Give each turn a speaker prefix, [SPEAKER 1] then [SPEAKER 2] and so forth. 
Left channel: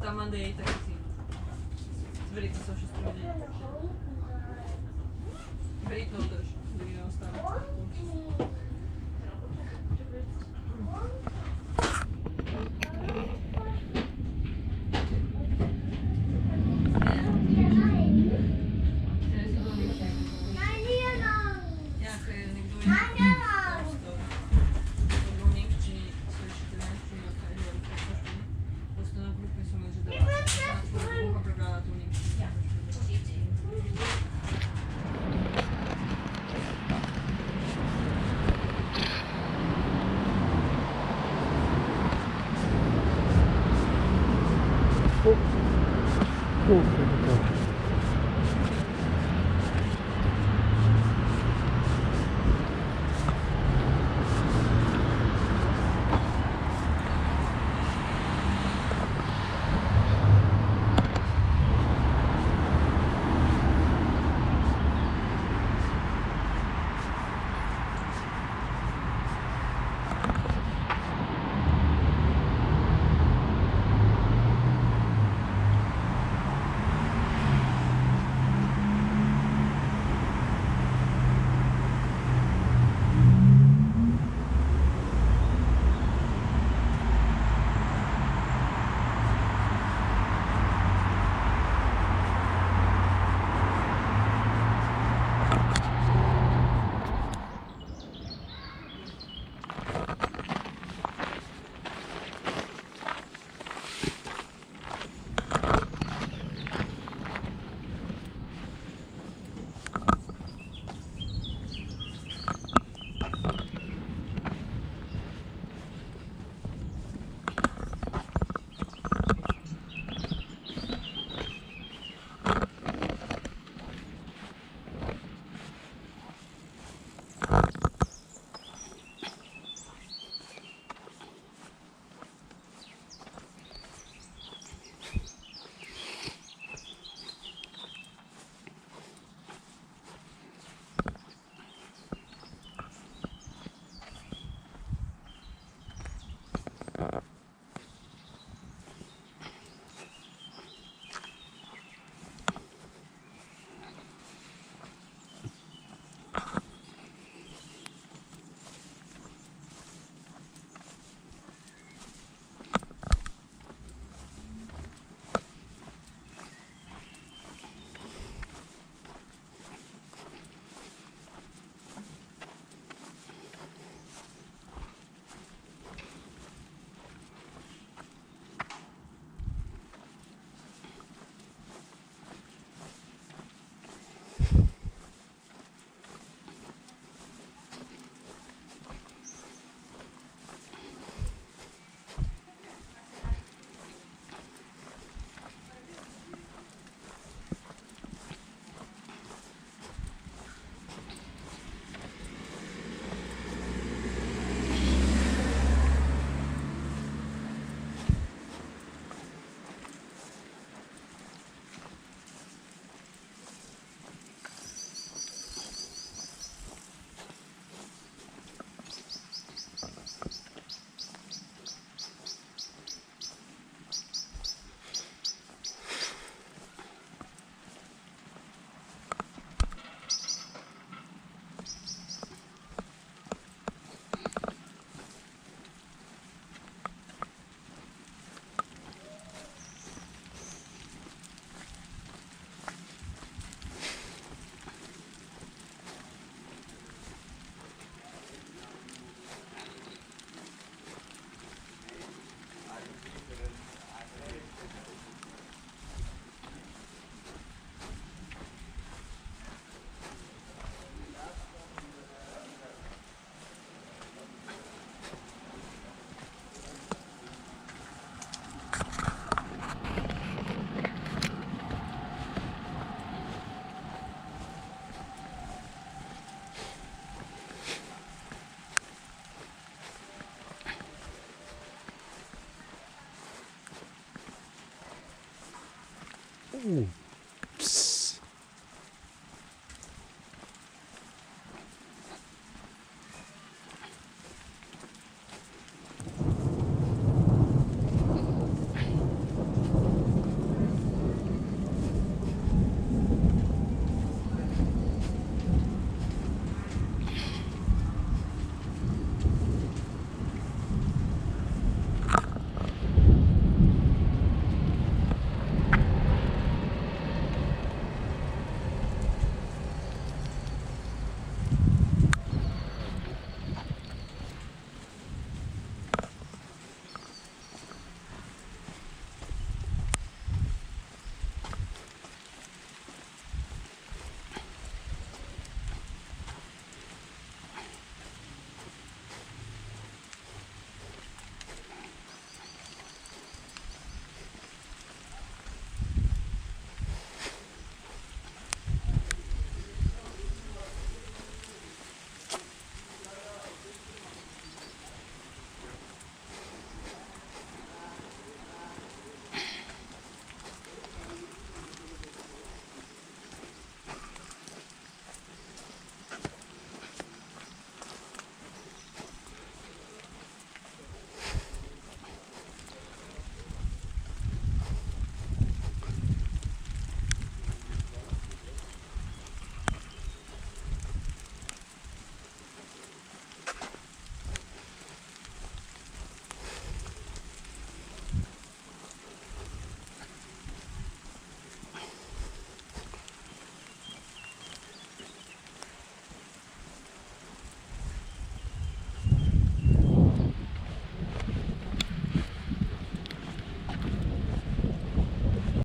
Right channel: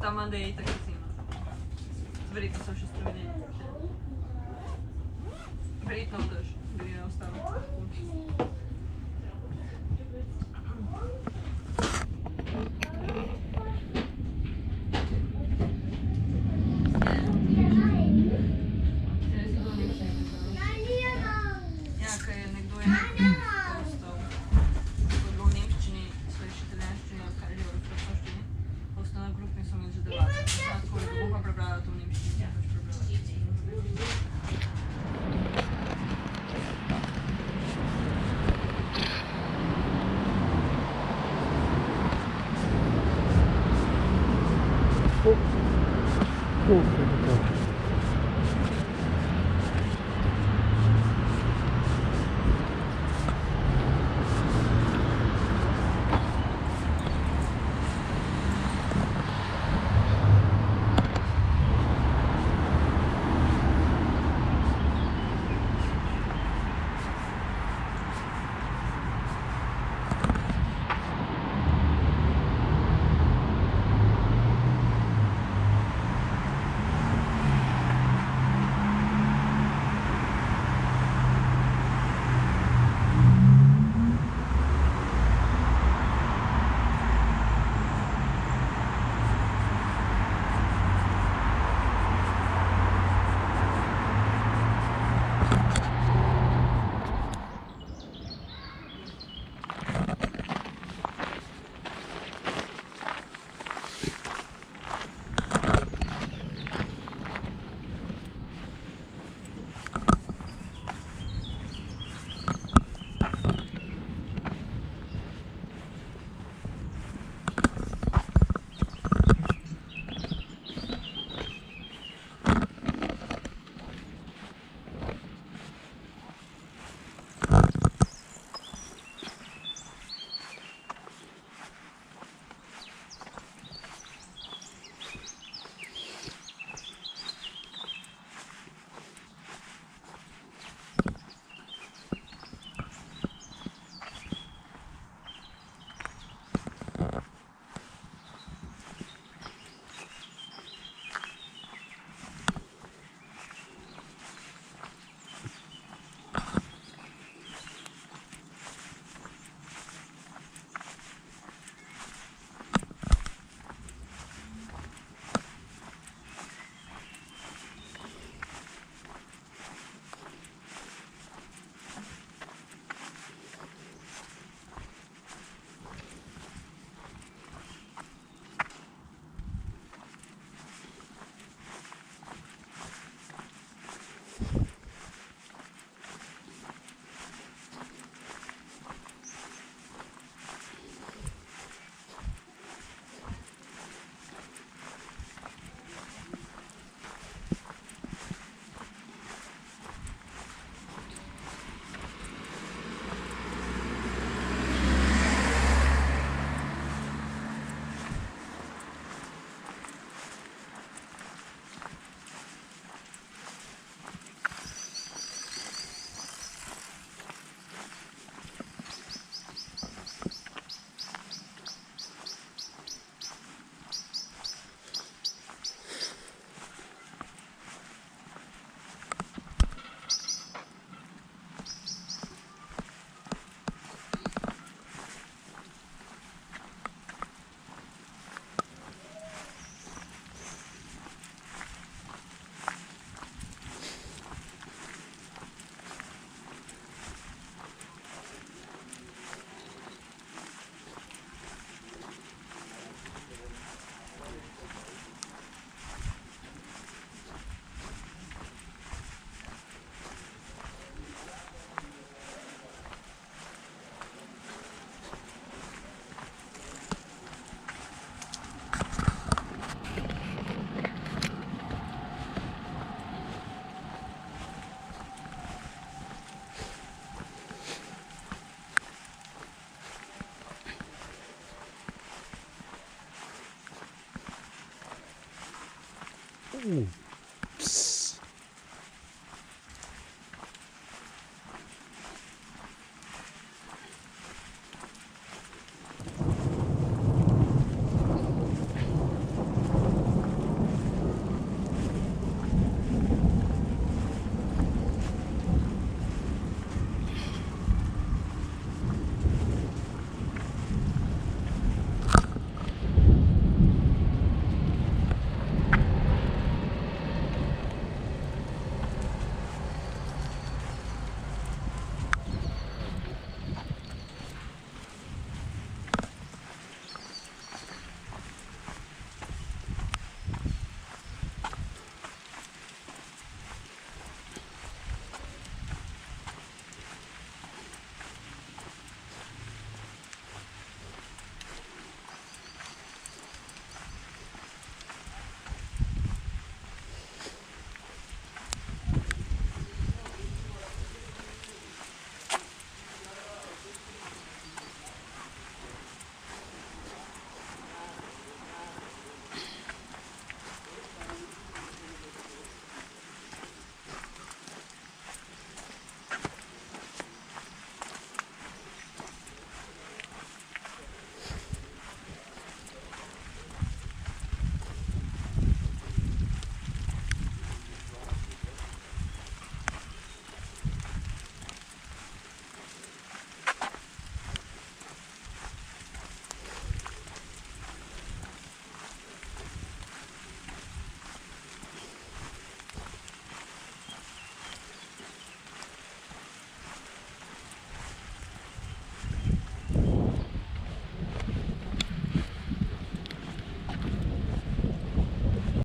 [SPEAKER 1] Tam má dej, tak si Zberi to sa všetko vedieť. Zberi to udrž. Zberi neostávam. Zberi to udrž.
[SPEAKER 2] Ooh.